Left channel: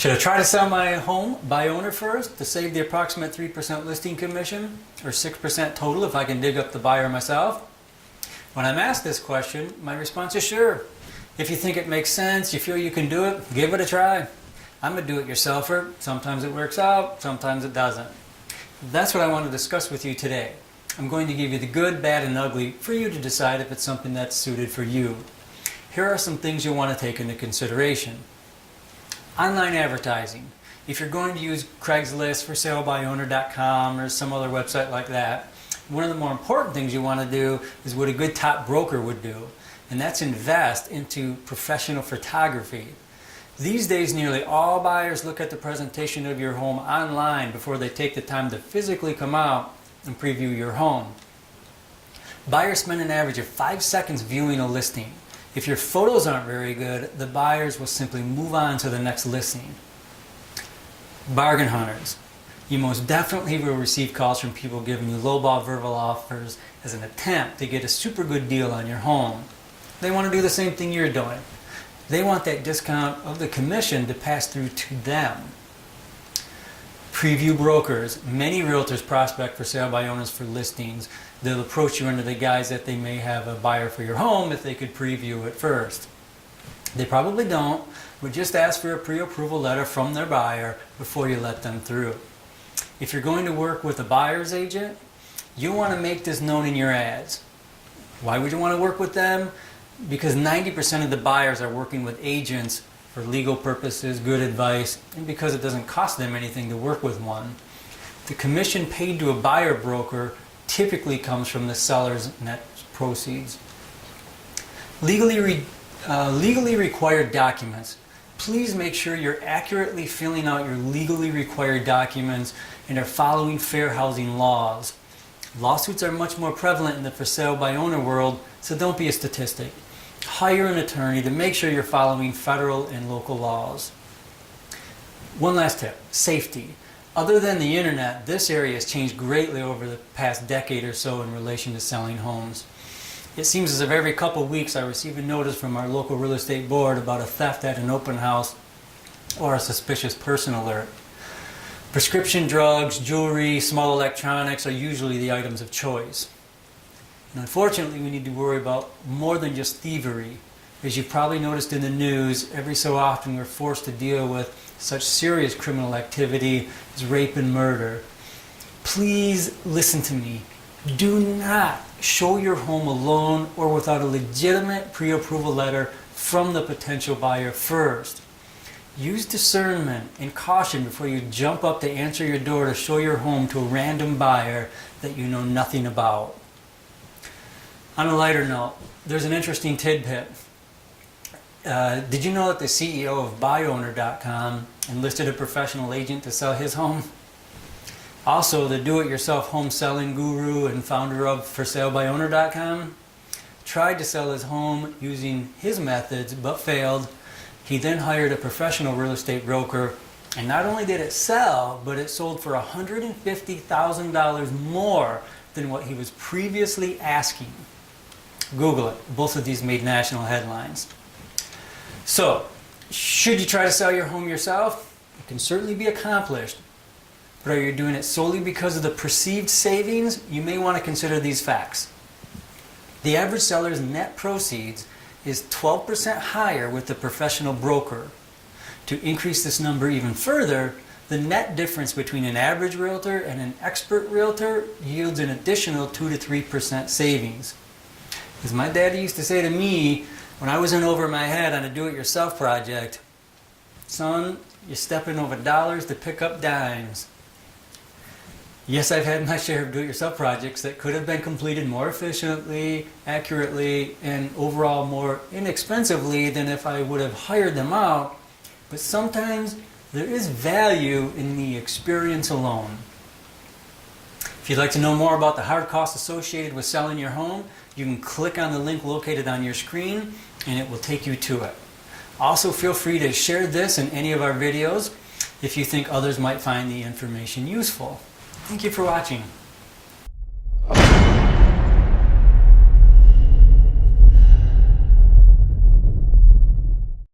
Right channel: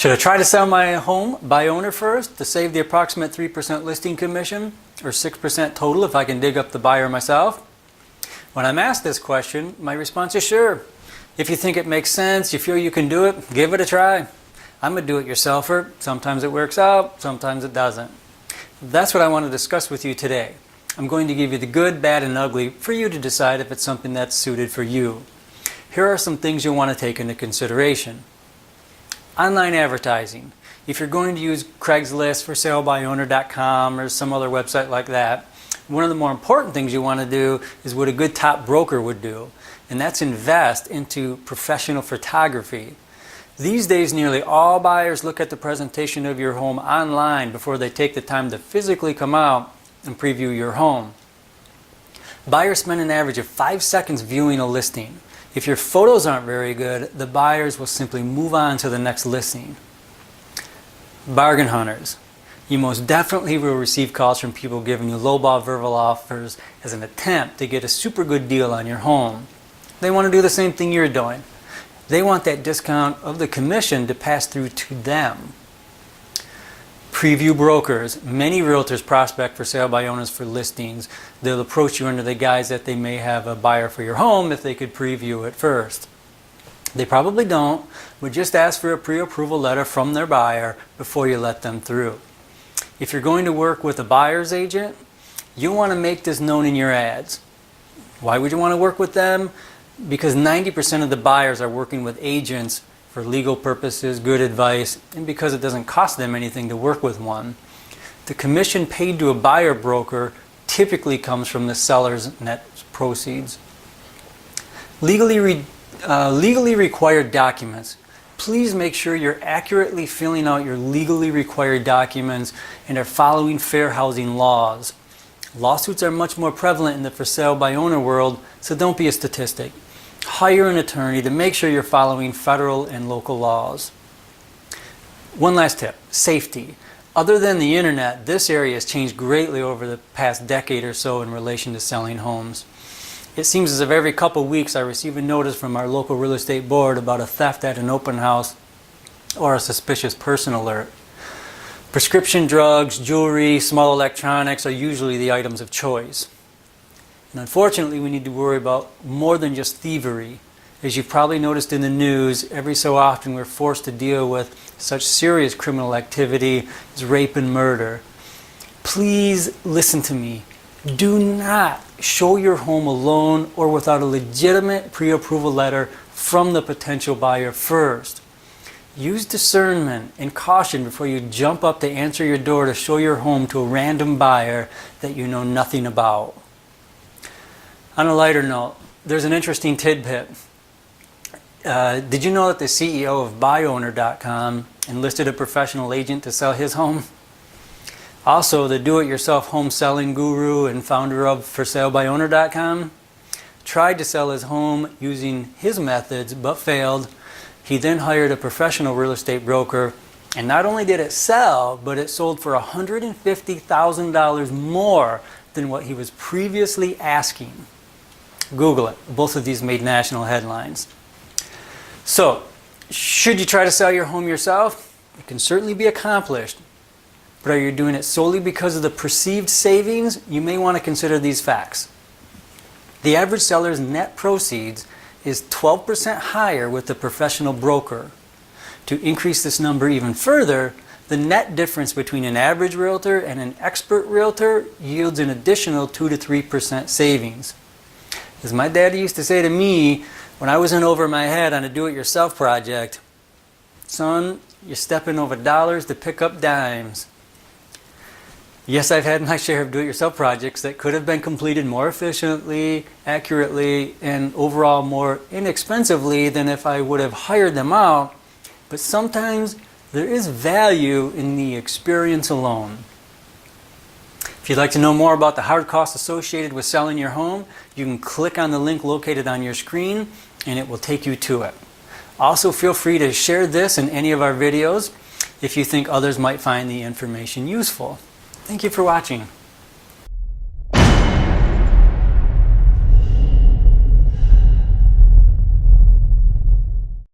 Should I try to sell my home by owner first to save the approximate 3% listing commission or 6% total if I can dig up the buyer myself? When I'm asked this question, my response is sure. If you think it makes sense, you feel you can do it, give it a try. I'm a do-it-yourselfer. Sometimes it works out, sometimes it doesn't. That's what I want to discuss with you today. I'm going to give you the good, bad, and ugly for you to decide if it's something that's suited for you. Here are some things you'll want to take into consideration. Online advertising. If you're going to use Craigslist, for salebyowner.com, or some other website like that, one of the more important things you want to do is what a good top broker would do, and that's invest into professional photography. These days, nearly all buyers look at the presentation of your home online before they take the time to physically come out and preview your home. Buyers spend an average of 5 seconds viewing a listing. If your photos aren't very good, the buyers will simply move on to the next listing. Bargain hunters. You most definitely will receive calls from people giving you lowball verbal offers as an attempt to get a super good deal on your home. They want to do the same thing you're doing. They want that discount of the commission to pass through to them. Preview brokers. Many realtors prospect for sale by owners for listings. They'll approach you under the guise that they may have a buyer for your home if they could preview it first. They probably don't, but just ask for a pre-approval letter from their buyer before you let them through. If you're going to work with a buyer's agent, you'll want to make this known in your ads. Why would you want to work with them? Because 90% of the buyers are working with agents for legal purposes, good advice, and because it doesn't cost them anything to work with one. The commission paid to a buyer broker typically comes from the seller's net proceeds. Legally required documents. Please make sure you're accurately filling out your legally required documents and are following fair housing laws. Lawsuits are much more prevalent in the for sale by owner world, so don't be a statistic. Hire an attorney to make sure you're following federal and local laws. One last tip, safety. Other than the internet, this area has changed greatly over the past decade or so in relation to selling homes. It seems as if every couple weeks I receive a notice from our local real estate board about a theft at an open house or a suspicious person alert. Prescription drugs, jewelry, small electronics are usually the items of choice. And unfortunately, we need to worry about more than just thievery. As you've probably noticed in the news, every so often we're forced to deal with such serious criminal activity as rape and murder. Please listen to me. Do not show your home alone or without a legitimate pre-approval letter from the potential buyer first. Use discernment and caution before you jump up to answer your door to show your home to a random buyer that you know nothing about. On a lighter note, there's an interesting tidbit. Did you know that the CEO of buyowner.com enlisted a professional agent to sell his home? Also, the do-it-yourself home selling guru and founder of forsalebyowner.com tried to sell his home using his methods but failed. He then hired a professional real estate broker, and not only did it sell, but it sold for $150,000 more than what he was previously asking. Google it. Both of these made national headlines. So, should you try to sell your home yourself? It can certainly be accomplished. But are you doing it solely because of the perceived savings? You may want to consider these facts. The average seller's net proceeds is 12% higher with the professional broker. To increase this number even further, the net difference between an average realtor and an expert realtor yields an additional 2 to 3% savings. As my dad used to say to me when I was in over my head on a do-it-yourself project, son, you're stepping over dollars to pick up dimes. Yes, I've had my share of do-it-yourself projects that could have been completed more efficiently, accurately, and overall more inexpensively than if I would have hired them out, but sometimes there is value in the experience alone. If you'd like to know more about the hard costs associated with selling your home, you can click on the link located on your screen and it will take you to it. Also, feel free to share this in any of our videos if you think others might find the information useful. Thank you for watching.